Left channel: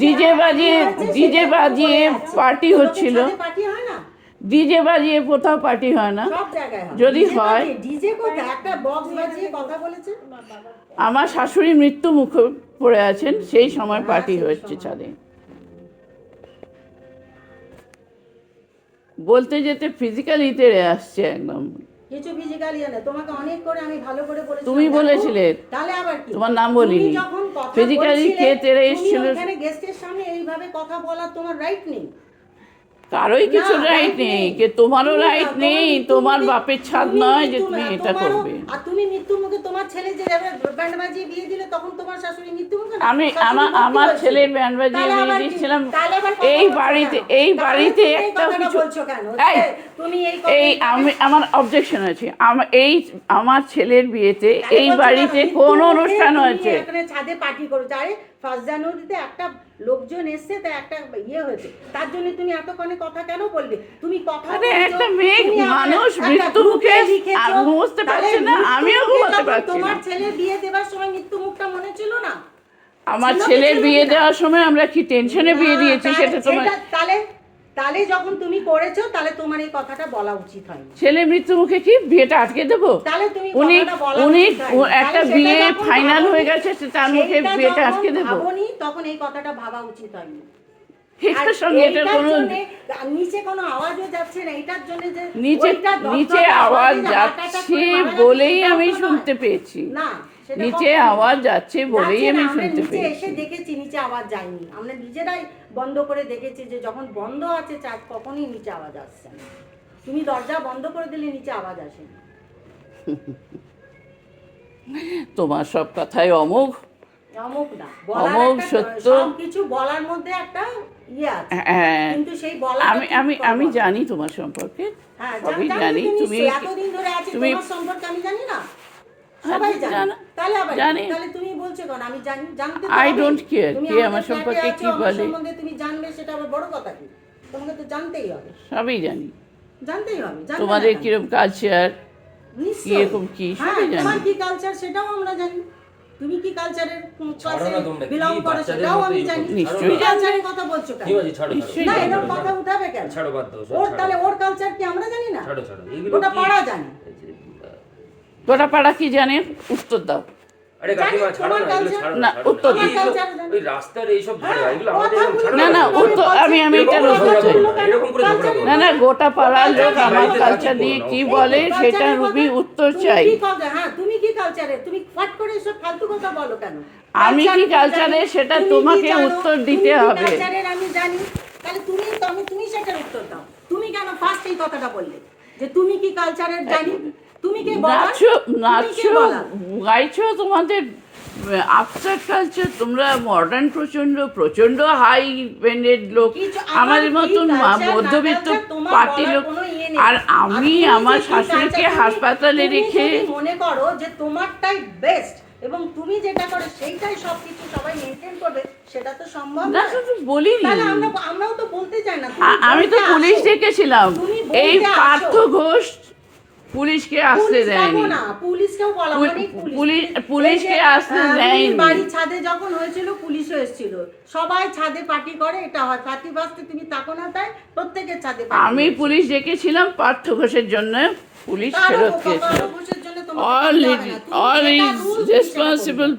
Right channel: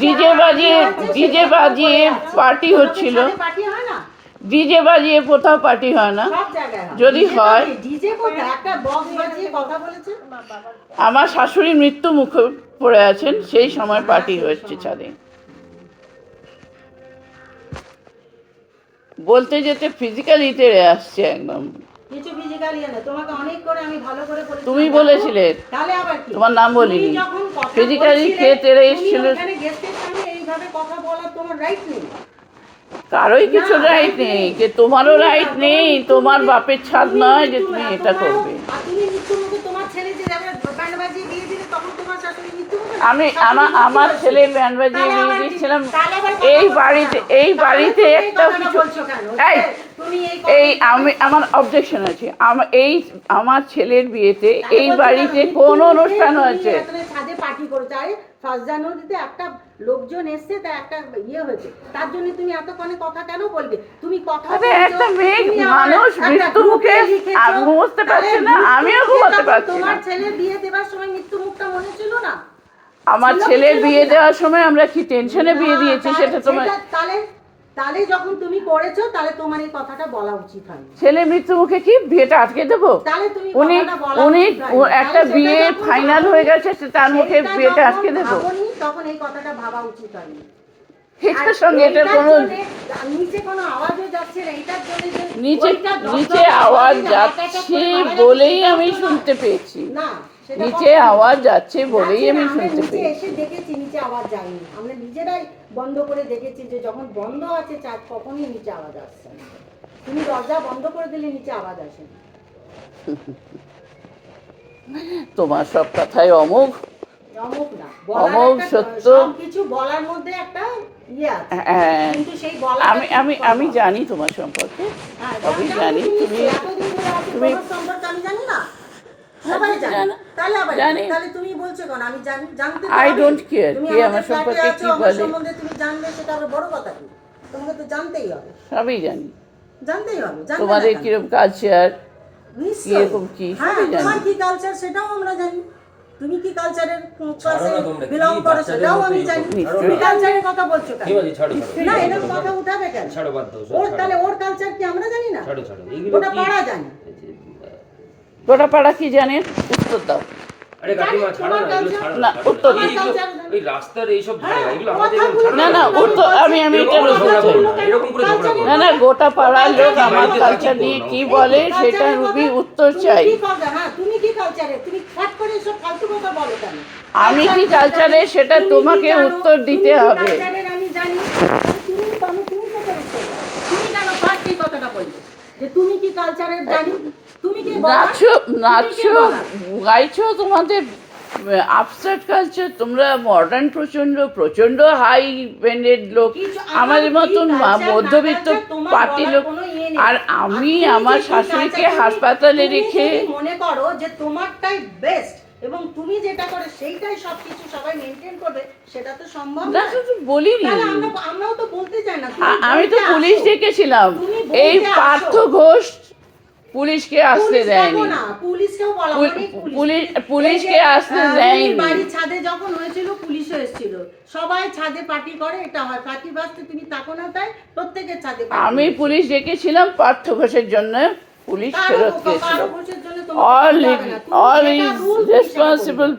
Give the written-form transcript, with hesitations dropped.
DJ বাজিয়ে party হচ্ছিল। DJ বাজিয়ে কোথাও পার্টি হয় না, যদি হয় আমার শাশুড়ি মৃত্যু মুখে পড়ে আছেন, সেই সময় পার্টি হচ্ছে ছাদে। বলতে যেতে ফিজিক্যালি তেড়ে আসছে একদম। কিছু ফিজিক্যালি না, তোমাকে অনেক করে আমি ভালো করে বলেছি। তুমি বলেছিলে, তাহলে আবার কি? তোমার নাম বলিনি। ফিজিক্যালি কে তেড়ে এসেছিল? এখানে গেস্টের সামনে এইভাবে কথা বলার তোমার রাইট নেই। কারোই কিছু রাইট নেই, কে তোমারও রাইট নেই। তোমার বাপের ছাদ নয় যে তুমি এটা করবে। আর তুমি মৃত্যু মুখে তোমার ছেলে যে ব্যান্ড বাজিয়ে বিয়ে দিলে, তখন তোমার শাশুড়ি মৃত্যু মুখে। আমি আমার ছেলে ব্যান্ড বাজিয়ে বিয়ে দিয়েছিলাম এই বাড়িতে একটা কিছু। এই আমার অবজেকশন আছে। আমার ছেলের বিয়েতে এই বাড়িতে কোন অনুষ্ঠান হয়েছে? ছাদে পার্টি করেছে, ফার্স্ট জানুয়ারিতে একটা লোকজন এসছে, তা একটা ইয়ে হয়েছে, তার জন্য তুমি এতক্ষণে কথা কেন বলবে? তুমি কথা একটা মেয়ে মানুষ মৃত্যু মুখে বুঝতে পারছে না, আমিও বুঝতে পারছি। তোমার ছেলের বিয়ে দেবার সময় মৃত্যু মুখটা মনে ছিল না? আমার ছেলের বিয়ে দেওয়ার সময় আমরা কি টেনশনে বিয়ে দিয়েছি সেটা তোমার। তাহলে যখন তুমি করেছো, তাহলে তোমার এই কথাটা বলা উচিত হয়। ছেলে মৃত্যু মুখে কি বিয়েটা আটকে দেবো? তাহলে তুমি উনি একটা বিয়ে ফাইনাল হয়ে গেছে, তার মুখে বিয়েটা আটকে দেবো? তখন এই কথাটা ভাবা উচিত হয়নি। নিচে কোনো আওয়াজও যাচ্ছে না, এটার জন্য নিচে আওয়াজ যাচ্ছে বলেই আমি শুনতে পেয়েছি। না, নিচে আওয়াজ যাচ্ছে বলেই আমি শুনতে পেয়েছি। এসে দেখেছি নিচে আওয়াজ যায়নি, আমরা নিজেরাই বন্ধ করে দেখেছি যে যখন বন্ধ আছে চার্জ, কখনই নিচে আওয়াজ আসছে না। তুমি দরজা বন্ধ করে দিলে নিচে আওয়াজ আসে না। তোমার সব কথাই অমোঘ না, বলার সত্য, কিছু বলার মধ্যে একটা ইয়ে আছে, কিন্তু সেই বলা আমি জানি তোমার সম্পর্কে, আমি জানি তুমি এতদিন ধরে আছো, তোমার সম্পর্কে আমি জানি না, সবাই জানে। তাহলে তুমি বলছো কেন? আমি জানতে তো আই ডোন্ট কেয়ার কে আমার সম্পর্কে কি বলে। সম্বন্ধে তুমি জানলে সেটা আবার বড় কথা কি? তোমাকে তো জানতেই হবে। সবই জানি, জানতেই হবে। তোমাদের কিরকম কালচার, কিরকম কি সবই জানি। তোমার কি কালচার সেটাও আমরা জানি। তুমি কি কালচারের বিলং করো সেটাও আমি জানি। তুমি কালচারের কথা বলছো কেন? না, এরকম কথা উঠাবে কেন? তাহলে ওর কালচার কি আমরা জানি না? ওটা পাড়া জানি। গোটা পাড়া কি জানেন? উত্তর দাও। আরে কাকিমা ছাড়ো না, এগুলো ছাড়ো না, উত্তর দিই। ওই রাস্তার এই সব ঝাড়া, এগুলো আমাদের ছাড়ো না। না উত্তর আমি এটা এরকম করে ঝগড়া করো না। গোটা পাড়ার লোক আমার কালচার নিয়ে কি বলে সেটা রুবি উত্তর চাই। হ্যাঁ, তুমি কি কালচারে? তুমি ফট করে এসব ফালতু কথা বলো কেন? আমি কি কালচারে সেটা তোমাকে উত্তর দিতে হবে। আমি জানি, তুমি সেটা উত্তর দাও। তুমি কেন ফার্স্ট এই কথাটা বললে যে তুমি কি কালচারের জানি? তুমি কি নাচো গাইছো, তোমাদের আবস্ট্রাক্ট কালচার, তোমরা মডার্ন প্রচন্ড হাই ব্যান্ডেড লোক, আমাদের মতন মধ্যবিত্ত পার্টি লোক। আর আমি আমার শাশুড়িকে হাসপাতালে রেখে মনে করো যে তোমারটাই বেস্ট এবং তুমি যেটা করে সেইটাই সবকিছু সবাই মেনটেন করবে, সেটা তো সম্ভব না। বলিনি, আমরাও তো বলতে চাই না। আমি তো পুলিশ ডেকেছিলাম, এই পার্থ ঘোষ পুলিশকে আসতে দেয়নি। পুলিশকে আসতে দেয়নি। বাড়ির ছাদে যখন হয়েছিল পুলিশও এসেছিল, সবাই ছাদে পার্টি করে, এটা হয় 31 তুমি থাকো না, তাই প্রত্যেকের ছাদে। আমি পুলিশ ডেকেছিলাম পার্থ ঘোষের জন্য, পুলিশ ফেরত গেছিল। All is responsible